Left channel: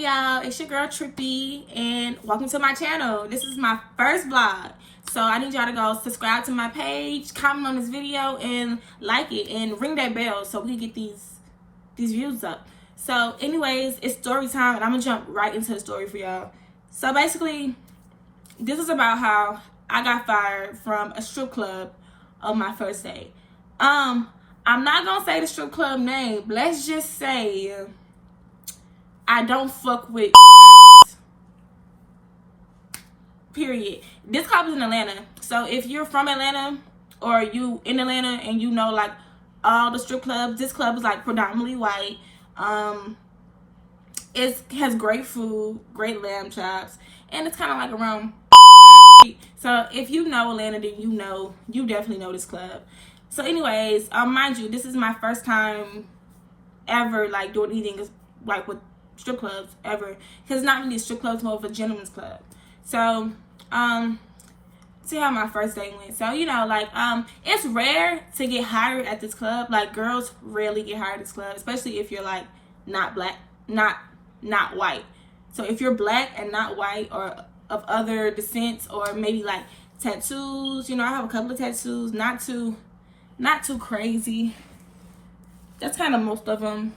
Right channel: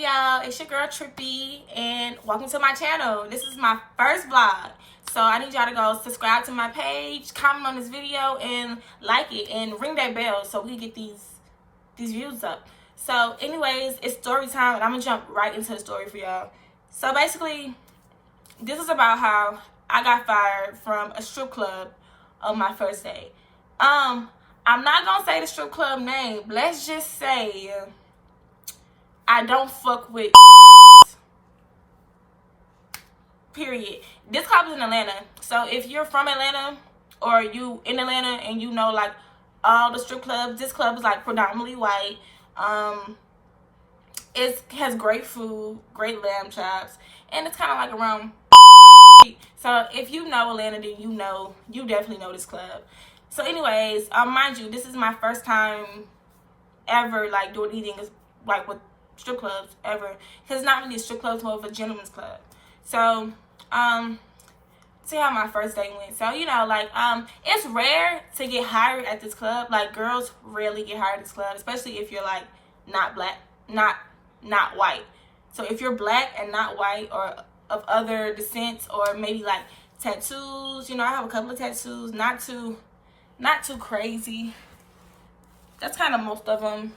Hey y'all, it's your girl Trippy and welcome to my channel. This is my first vlog. So I need y'all to go subscribe to my page, comment on this video, and like it, and ring that bell so we can get these views up. So anyways, it's story time, and I'm gonna jump right into the story for y'all. So basically, this is about how I got fired from a strip club on my first day. I'm not gonna say the strip club name, but let's just say I don't fuck with period. This club is in Atlanta. So if you're from Atlanta or you in Atlanta and you know like all the strip clubs, this club is like predominantly white. It has great food, great lamb chops, and it's kind of like around. So if you know Atlanta, then you definitely know this club. So anyways, mind you, this is my first time ever like doing anything like with strip clubs ever, because it's not really a strip club, it's more of a gentleman's club. So see how my first day went. So like it's rare to get hired at this club. Like girls rarely get hired at this club, especially if you're like not black, not white. So if you're black and not white or of other descents, or maybe like tattoos, I have a couple of tattoos, not too crazy. That's kind of most of them,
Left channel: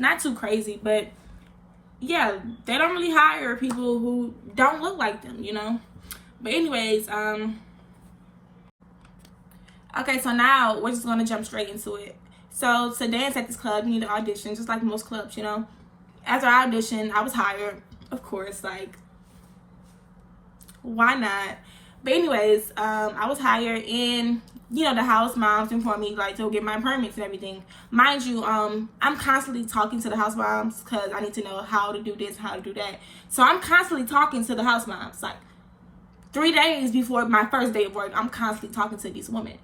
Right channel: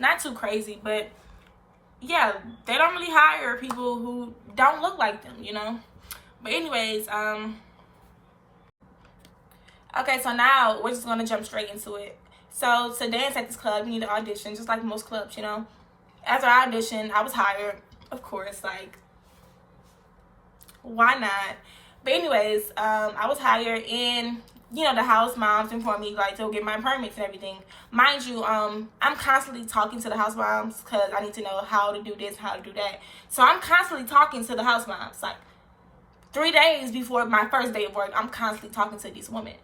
not too crazy, but yeah, they don't really hire people who don't look like them, But anyways, okay, so now we're just gonna jump straight into it. So to dance at this club, you need to audition, just like most clubs, After I auditioned, I was hired, of course, like, why not? But anyways, I was hired, and the house moms informed me like they'll get my permits and everything. Mind you, I'm constantly talking to the house moms because I need to know how to do this, how to do that. So I'm constantly talking to the house moms. Like 3 days before my first day of work, I'm constantly talking to these women.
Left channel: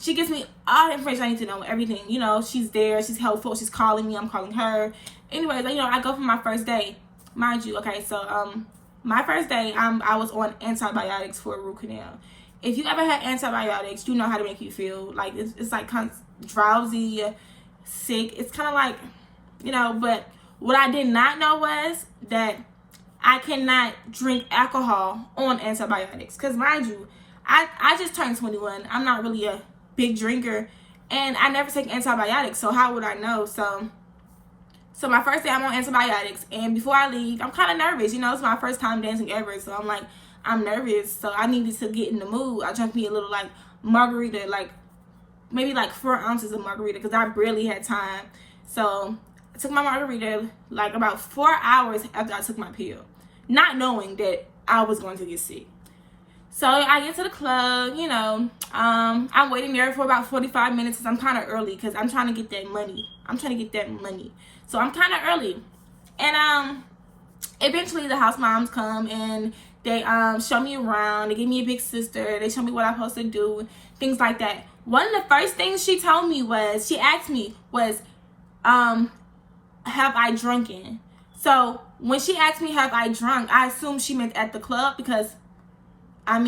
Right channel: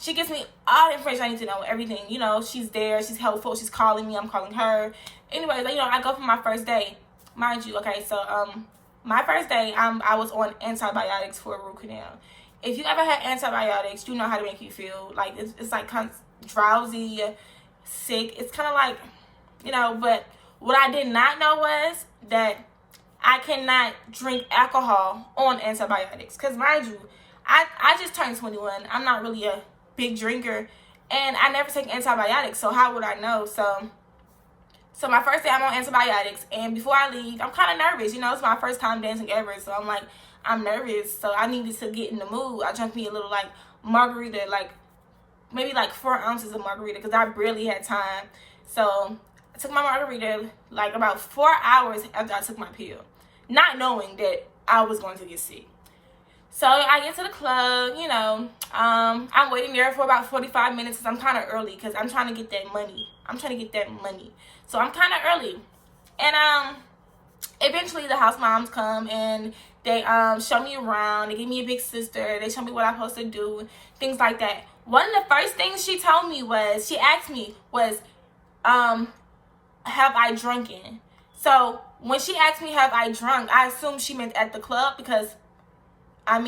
She gives me all the information I need to know, everything. She's there, she's helpful, she's calling me, I'm calling her. Anyways, I go for my first day. Mind you, okay, so my first day, I was on antibiotics for a root canal. If you ever had antibiotics, you know how to make you feel. Like, it's like kind of drowsy, sick. It's kind of like, but what I did not know was that I cannot drink alcohol on antibiotics. Because, mind you, I just turned 21. I'm not really a big drinker, and I never take antibiotics, so how would I know? So my first day, I'm on antibiotics, and before I leave, I'm kind of nervous. It's my first time dancing ever, so I'm like, I'm nervous, so I needed to get in the mood. I drank me a little, like, margarita, like, maybe, like, 4 ounces of margarita, because I barely had time. So I took my margarita, like, about 4 hours after I took my pill, not knowing that I was going to get sick. So I get to the club, I'm waiting there for about 45 minutes because I'm kind of early because I'm trying to get that money. So I'm kind of early. And eventually the house moms come and they show me around. They give me a big sister. They show me what I'm supposed to do, things like that. One of the first things she told me was, she asked me was, have I drunken? So when she asked me have I drunk, I assumed she meant at the club because I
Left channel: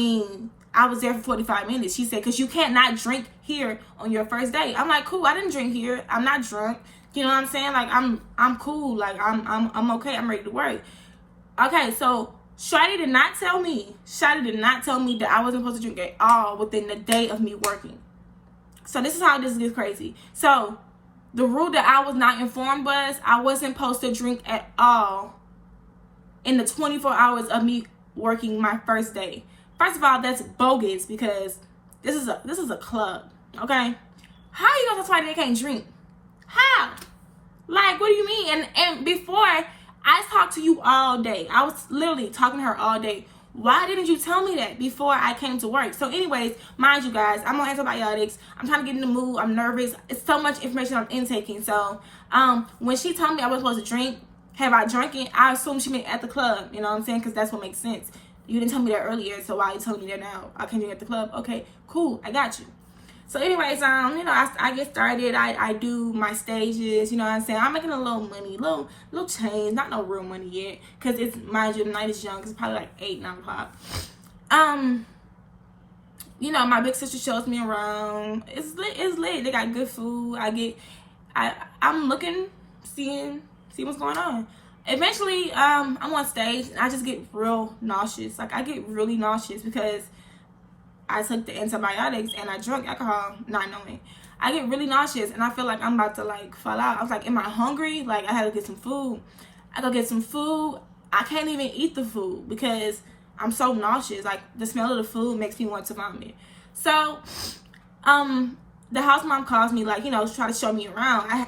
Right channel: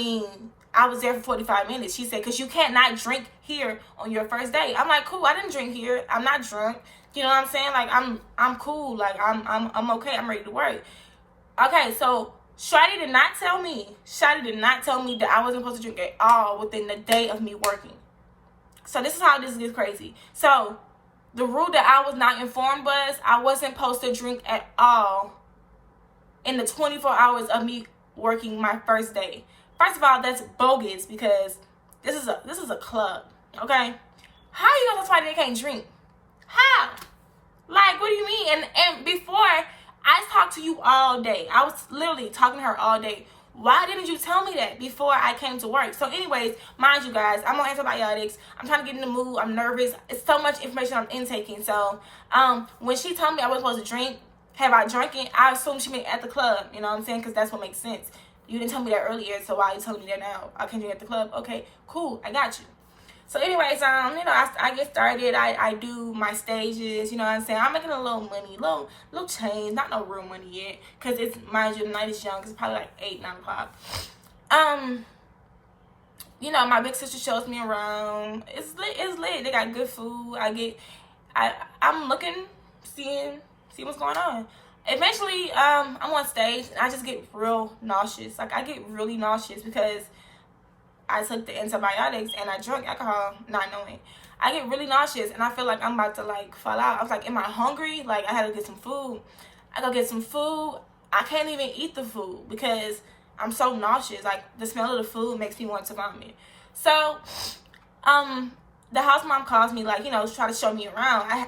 was there for 45 minutes. She said, because you can't not drink here on your first day. I'm like, cool, I didn't drink here. I'm not drunk. You know what I'm saying? Like, I'm cool. Like, I'm okay. I'm ready to work. Okay, so Shawty did not tell me that I wasn't supposed to drink at all within the day of me working. So this is how this gets crazy. So the rule that I was not informed was I wasn't supposed to drink at all in the 24 hours of me working my first day. First of all, that's bogus because this is a club, okay? How are you gonna tell somebody they can't drink? How? Like, what do you mean? And before, I talked to you all day. I was literally talking to her all day. Why didn't you tell me that before I came to work? So anyways, mind you guys, I'm on antibiotics. I'm trying to get in the mood. I'm nervous. It's so much information I'm intaking. So when she told me I was supposed to drink, have I drunk it? I assumed she meant at the club. You know what I'm saying? Because that's what makes sense. You didn't tell me that earlier, so why are you telling me that now? I can't drink at the club. Okay, cool. I got you. So anyways, I get started. I do my stages, you know what I'm saying? I'm making a little money, little change, not no real money yet, because it's, mind you, the night is young. It's probably like 8, 9 o'clock. My big sister shows me around. It's lit. They got good food. I'm looking, seeing what's going on. eventually, I'm on stage and I just get real nauseous. Like, I get really nauseous because I took the antibiotics and I drank alcohol not knowing. I get really nauseous and I feel like I'm about to like fall out. I was like, am I hungry? Like, I had to get some food. I go get some food. I can't even eat the food because I'm so nauseous. Like, the smell of the food makes me want to vomit. So, the house mom calls me, like, you know, try to show me around.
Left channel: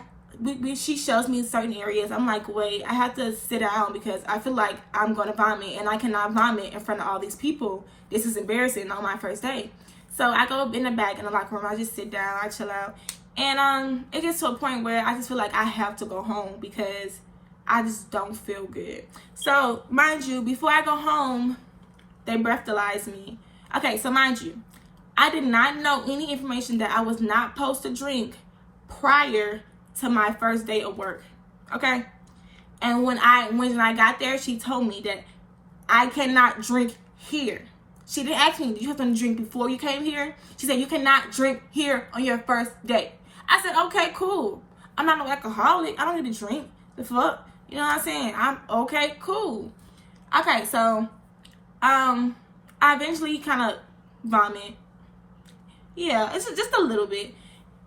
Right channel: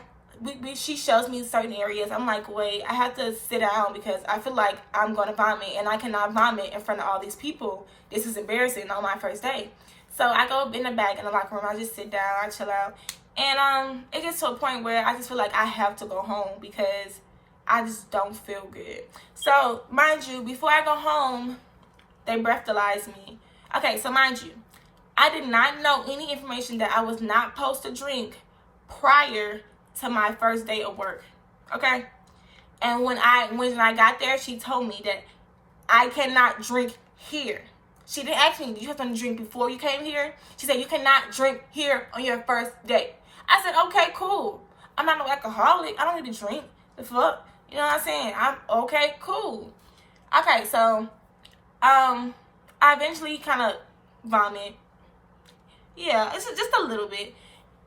She shows me certain areas. I'm like, wait, I have to sit down because I feel like I'm going to vomit and I cannot vomit in front of all these people. This is embarrassing on my first day. So I go in the back in the locker room. I just sit down. I chill out. And it gets to a point where I just feel like I have to go home because I just don't feel good. So, mind you, before I go home, they breathalyze me. Okay, so mind you, I did not know any information that I was not supposed to drink prior to my first day of work. Okay? And when I got there, she told me that I cannot drink here. She didn't ask me, did you have to drink before you came here? She said, you cannot drink here on your first day. I said, okay, cool. I'm not no alcoholic. I don't need to drink. The fuck? You know what I'm saying? I'm okay, cool. Okay, so I eventually kind of vomit. Yeah, it's just a little bit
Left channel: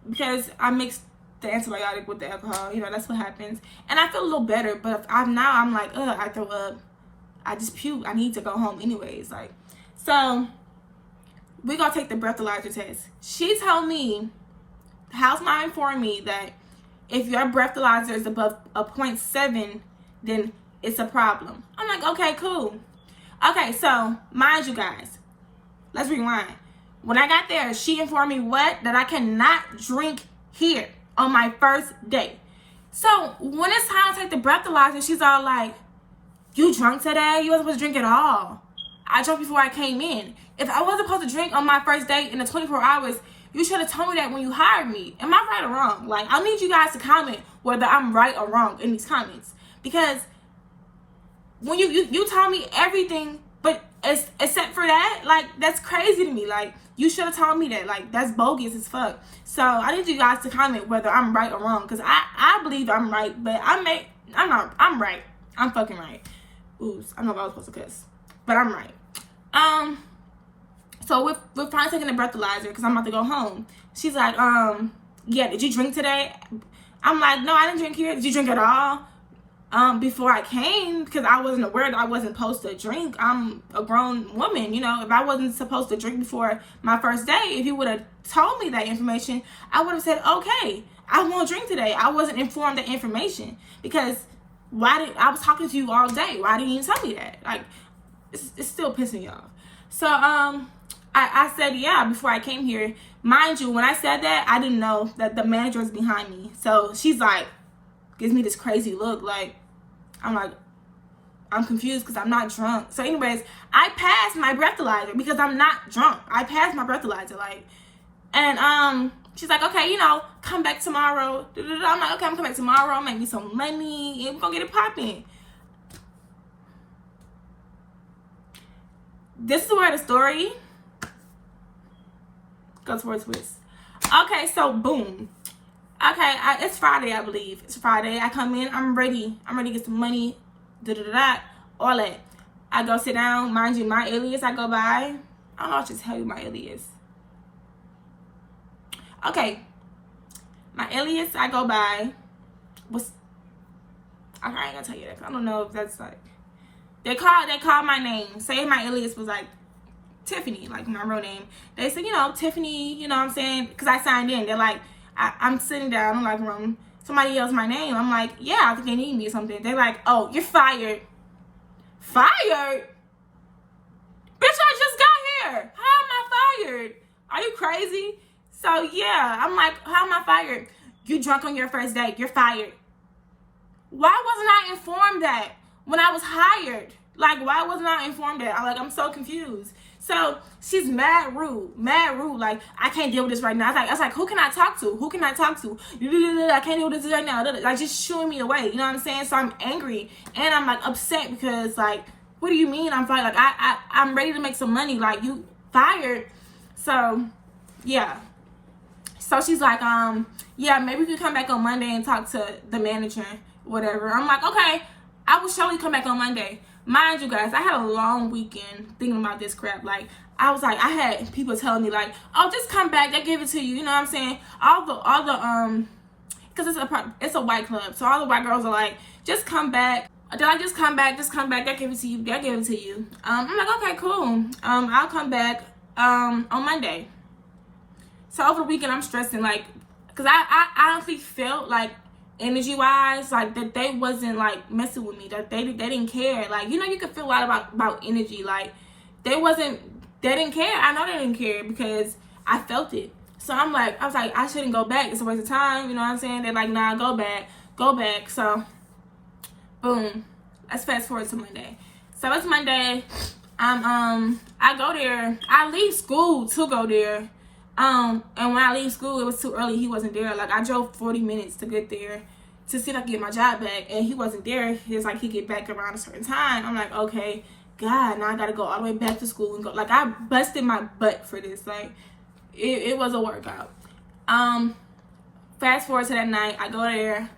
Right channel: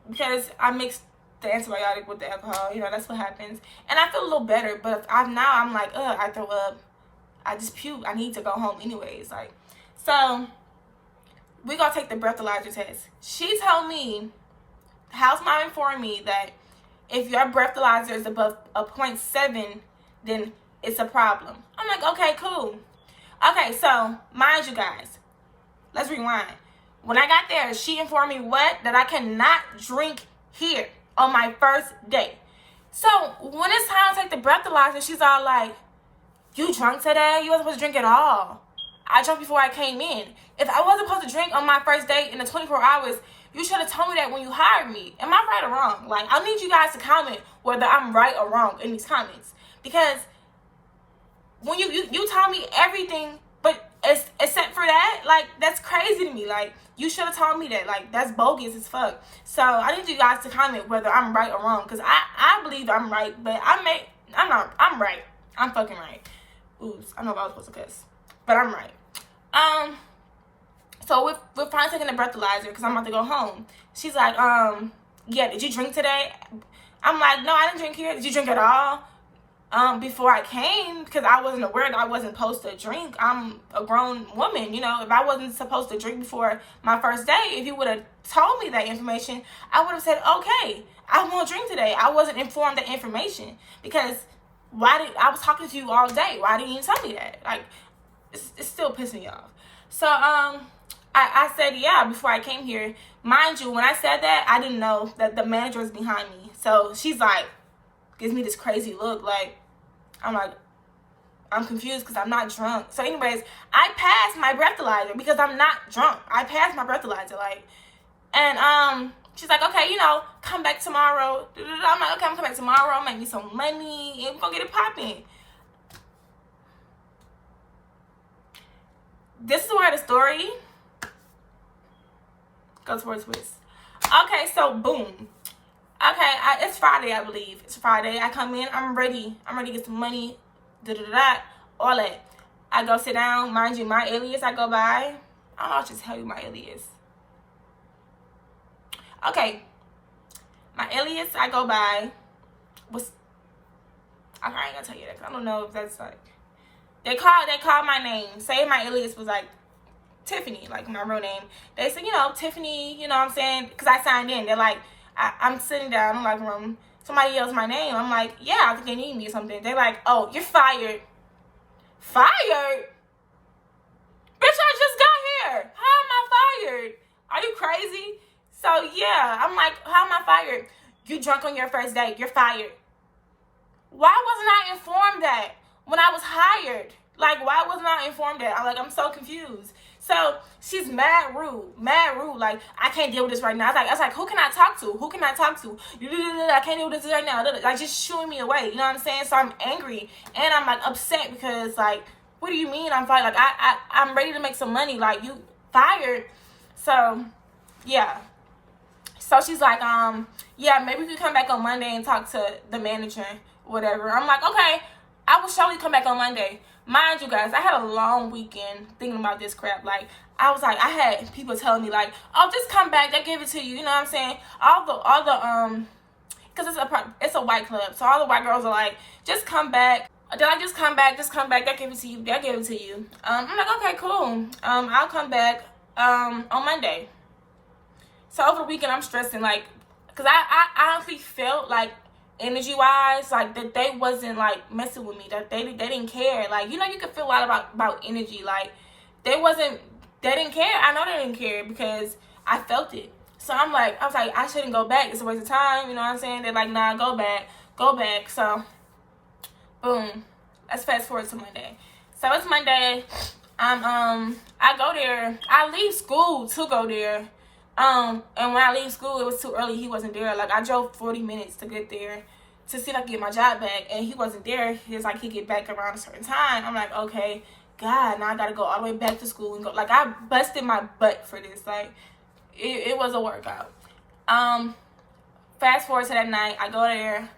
because I mixed the antibiotic with the alcohol. You know, that's what happens. And I feel a little better, but I'm like, I throw up. I just puke. I need to go home anyways. Like, so we gonna take the breathalyzer test. She told me, the house mom informed me that if your breathalyzer is above a 0.7, then it's a problem. I'm like, okay, cool. Okay, so mind you guys, let's rewind. When I got there, she informed me what? That I cannot drink here on my first day. So when it's time to take the breathalyzer, she's all like, you drunk today? You wasn't supposed to drink at all. I drank before I came in. If I wasn't supposed to drink on my first day in the 24 hours, you should have told me that when you hired me. Am I right or wrong? Like, I need you guys to comment whether I'm right or wrong in these comments. Because when you told me everything, but except for that, like, that's crazy to me. Like, you should have told me that. Like, that's bogus as fuck. So I need you guys to comment whether I'm right or wrong. Because I believe I'm right, but I'm right. I'm fucking right. Oops, I know I was supposed to cuss. But I'm right. So we're finally taking the breathalyzer because I'm about to go home. She's like, yeah, did you drink today? I'm like, no, I didn't drink here. Did you drink at all? Before I came, because I wasn't aware that I wasn't supposed to drink. I'm a grown woman, you know. If I wasn't supposed to drink before my first day, if you would have told me that information, I would have said, okay, I won't drink today. I wasn't informed that information because I was talking to you all day. Why didn't you tell me that? Like, it's still pissing me off. So, I said, yeah, before I came here. Mind you, when I said that, I didn't know that the manager was behind me. So she's like, gives me this crazy look. Like, I'm confused because I'm not drunk. So anyways, I passed my breathalyzer because I'm not drunk. I passed my breathalyzer. Like, and she's like, okay, you know, come back tomorrow. I'm like, okay, I'm coming back tomorrow. I'll make me some money and we're gonna get it popping. This is where the story goes for a twist. Okay, so boom. Okay, it's Friday, I believe. It's Friday. I come in. I'm ready. I'm ready to get some money. All that. I go sit down. Mind you, my alias I go by. I'll just tell you my alias. Okay. My alias I go by was. I ain't gonna tell you that. I don't know if that's like. They call my name. Say my alias was like Tiffany, like my real name. They said, you know, Tiffany, you know what I'm saying? Because I signed in. They're like, I'm sitting down in the locker room. Somebody yells my name. I'm like, yeah, I think they need me or something. They're like, oh, you're fired. Fired? Bitch, I just got here. How am I fired? Are you crazy? So, yeah, I'm like, how am I fired? You drunk on your first date. You're fired. Why wasn't I informed that when I was hired? Like, why wasn't I informed that? I'm so confused. So she's mad rude. Like, I can't deal with this right now. I was like, who can I talk to? I can't deal with this right now. Like, just shooing me away. You know what I'm saying? So I'm angry and I'm like upset because, like, what do you mean I'm fired? Like, I'm ready to make some money. Like, you fired. So yeah. So she's like, yeah, maybe we could come back on Monday and talk to the manager, whatever. I'm like, okay. I will surely come back on Monday. Mind you guys, I had a long weekend thinking about this crap. Like, I was like, I had people telling me like, oh, just come back, they give it to you. You know what I'm saying? All the because it's a white club, so all the white girls are like, just come back. They're like, just come back, they give it to you, they give it to you. I'm like, okay, cool. I'll come back on Monday. So over the weekend, I'm stressing, like, because I honestly felt like, energy wise, like, that they wasn't like messing with me, that they didn't care. Like, you know, you can feel a lot about energy. Like, they didn't care. I know they didn't care because I felt it. So I was like, I shouldn't go back, it's a waste of time. You know what I'm saying? They're like, nah, go back. So boom, let's fast forward to Monday. So it's Monday. I go there. I leave school to go there. And when I leave school, it was too early. He wasn't there. Like, I drove 40 minutes to get there to see if I could get my job back, and he wasn't there. He was like, he'd get back around a certain time. I'm like, okay, God, now I gotta go all the way back to school and go. Like, I busted my butt for this. Like, it was a workout. Fast forward to that night, I go there.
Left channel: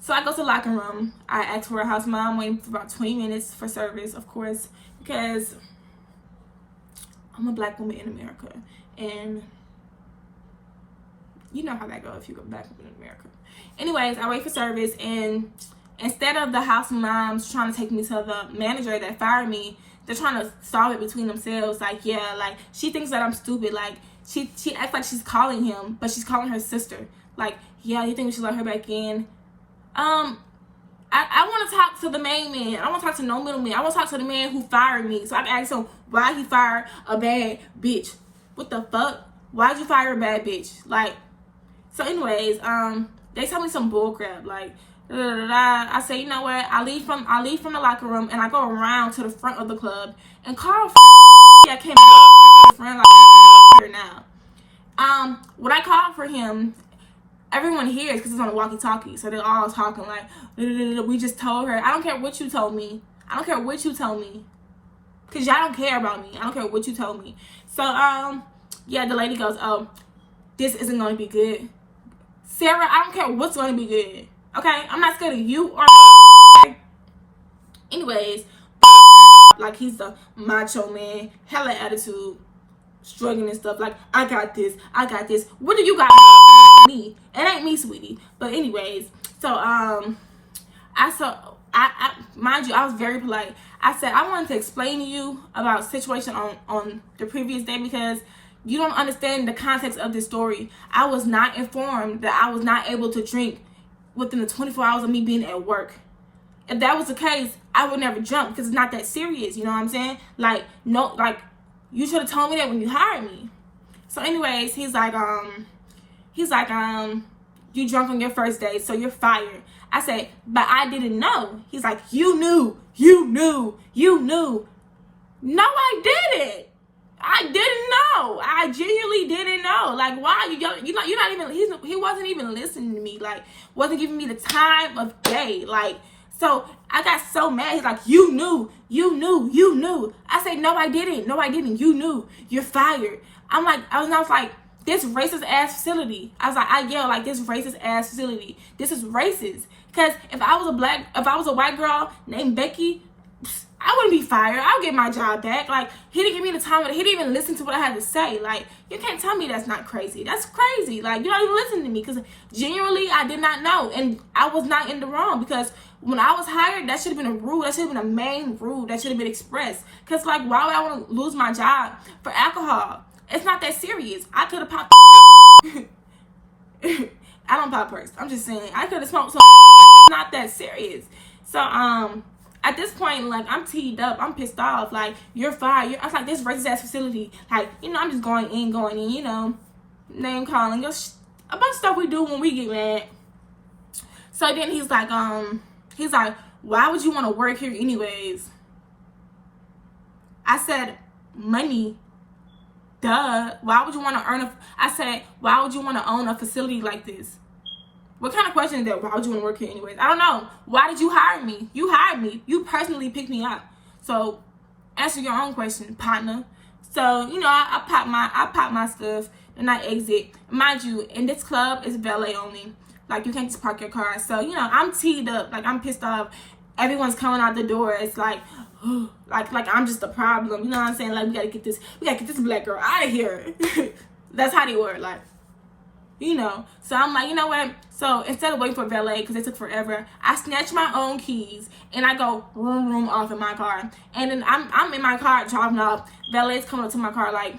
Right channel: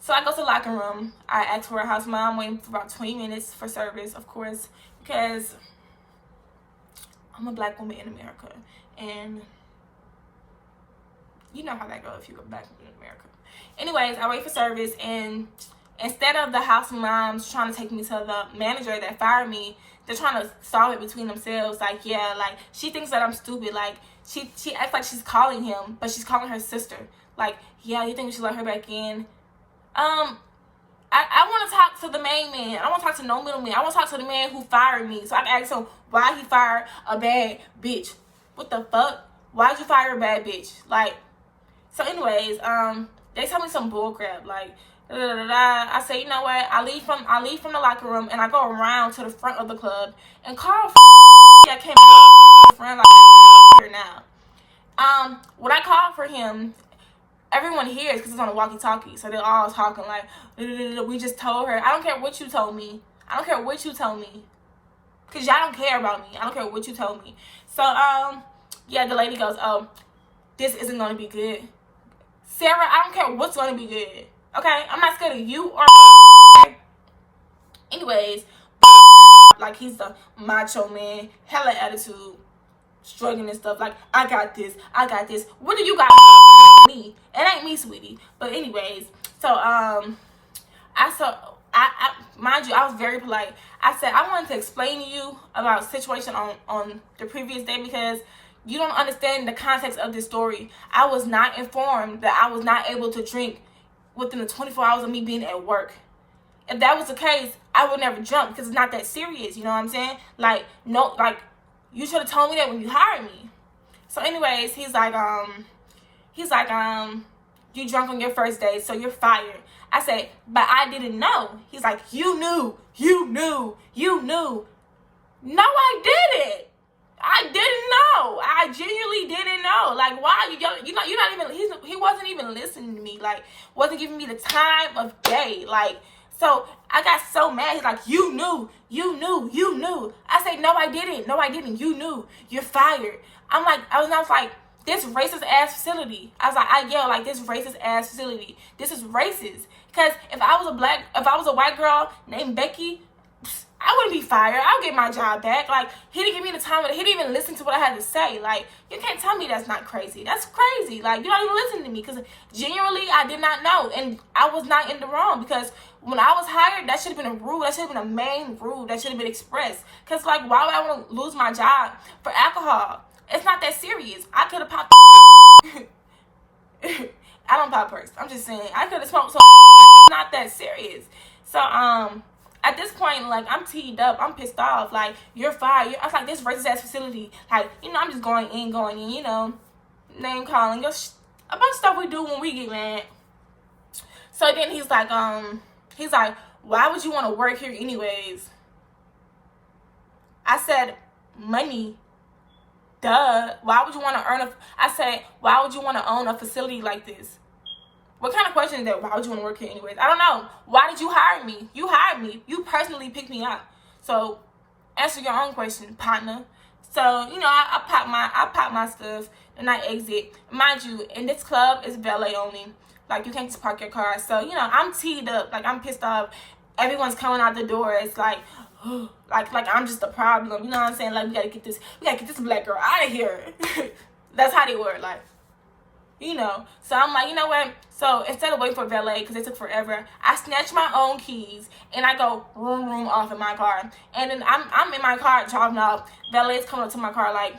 So I go to the locker room. I ask for a house mom, waiting for about 20 minutes for service, of course, because I'm a black woman in America, and you know how that goes if you're a black woman in America. Anyways, I wait for service, and instead of the house moms trying to take me to the manager that fired me, they're trying to solve it between themselves. Like, yeah, like, she thinks that I'm stupid. Like, she acts like she's calling him, but she's calling her sister. Like, yeah, you think we should let her back in? I want to talk to the main man. I want to talk to no middleman. I want to talk to the man who fired me, so I can ask him why he fired a bad bitch. What the fuck? Why'd you fire a bad bitch? Like, so anyways, they tell me some bullcrap. Like, I say, you know what? I leave from the locker room, and I go around to the front of the club, and Carl I came to the front, like, here now. When I called for him, everyone hears because it's on the walkie-talkie, so they're all talking like, we just told her. I don't care what you told me. I don't care what you told me, because y'all don't care about me. I don't care what you told me. So, yeah, the lady goes, oh, this isn't going to be good. Sarah, I don't care what's going to be good. Okay? I'm not scared of you or anyways, like, he's a macho man, hella attitude, struggling and stuff. Like, I got this. What do you got? Me? It ain't me, sweetie. But anyways, so mind you, I was very polite. I said, I wanted to explain to you about a situation on the previous day, because you don't understand the context of this story. I was not informed that I was not able to drink within the 24 hours of me being at work. If that was the case, I would never drink, because it's not that serious. You know what I'm saying? Like, no, like, you should have told me that when you hired me. So anyways, he's like, you drunk on your first day, so you're fired. I said, but I didn't know. He's like, you knew. No, I didn't. I didn't know. I genuinely didn't know. Like, why? You're not even, he wasn't even listening to me. Like, wasn't giving me the time of day. Like, so I got so mad. He's like, you knew. I said, no, I didn't. You knew. You're fired. I was like, this racist ass facility. I yelled like, this racist ass facility. This is racist. Because if I was a white girl named Becky, I wouldn't be fired. I'll get my job back. Like, he didn't give me the time. He didn't even listen to what I had to say. Like, you can't tell me that's not crazy. That's crazy. Like, you're not even listening to me, because genuinely, I did not know. And I was not in the wrong, because when I was hired, that should have been a rule. That should have been a main rule. That should have been expressed. Because, like, why would I want to lose my job for alcohol? It's not that serious. I could have popped I don't pop perks. I'm just saying, I could have smoked some. It's not that serious. So, at this point, like, I'm teed up. I'm pissed off. Like, you're fired. I was like, this racist ass facility. Like, you know, I'm just going in, you know, name calling. A bunch of stuff we do when we get mad. So then he's like, why would you want to work here anyways? I said, money. Duh. Why would you want to I said, why would you want to own a facility like this? What kind of question is that? Why would you want to work here anyways? I don't know. Why did you hire me? You hired me. You personally picked me up. So answer your own question, partner. So, you know, I pop my stuff and I exit. Mind you, in this club, it's valet only. Like, you can't just park your car. So, you know, I'm teed up. Like, I'm pissed off. Everyone's coming out the door. It's like, like I'm just the problem. You know what I'm saying? Like, we gotta get this black girl out of here. That's how they were, like, you know. So I'm like, you know what? So instead of waiting for valet, because it took forever, I snatch my own keys and I go room off in my car. And then I'm in my car driving off. Valet's coming up to my car like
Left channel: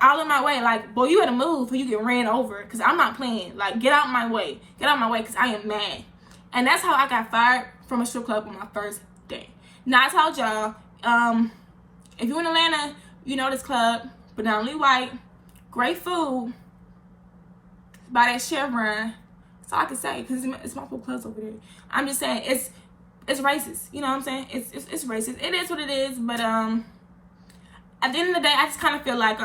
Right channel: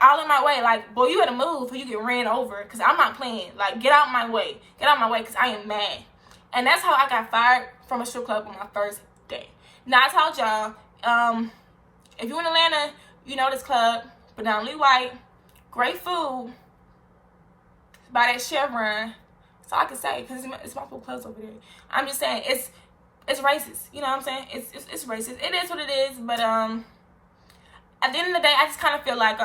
all in my way. Like, boy, you gotta move or you get ran over, because I'm not playing. Like, get out my way. Get out my way, because I am mad. And that's how I got fired from a strip club on my first day. Now, I told y'all, if you're in Atlanta, you know this club, predominantly white, great food, by that Chevron. That's all I can say, because it's multiple clubs over there. I'm just saying, it's racist. You know what I'm saying? It's racist. It is what it is, but at the end of the day, I just kind of feel like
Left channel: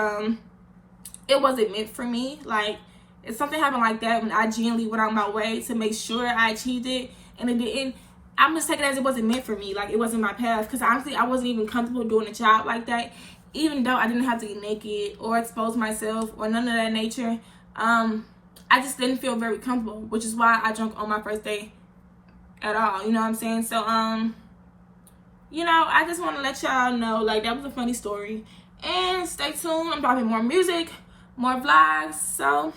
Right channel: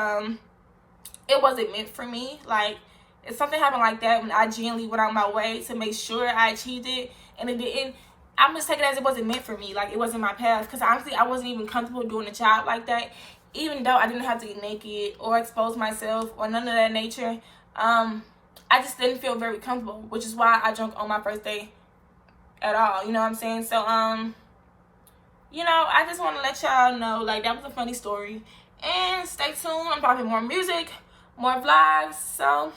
it wasn't meant for me. Like, if something happened like that, when I genuinely went out my way to make sure I achieved it, and it didn't, I'm just taking it as it wasn't meant for me. Like, it wasn't my path. Because honestly, I wasn't even comfortable doing a job like that. Even though I didn't have to get naked or expose myself or none of that nature, I just didn't feel very comfortable, which is why I drunk on my first day at all. You know what I'm saying? So, you know, I just want to let y'all know, like, that was a funny story. And stay tuned. I'm dropping more music, more vlogs. So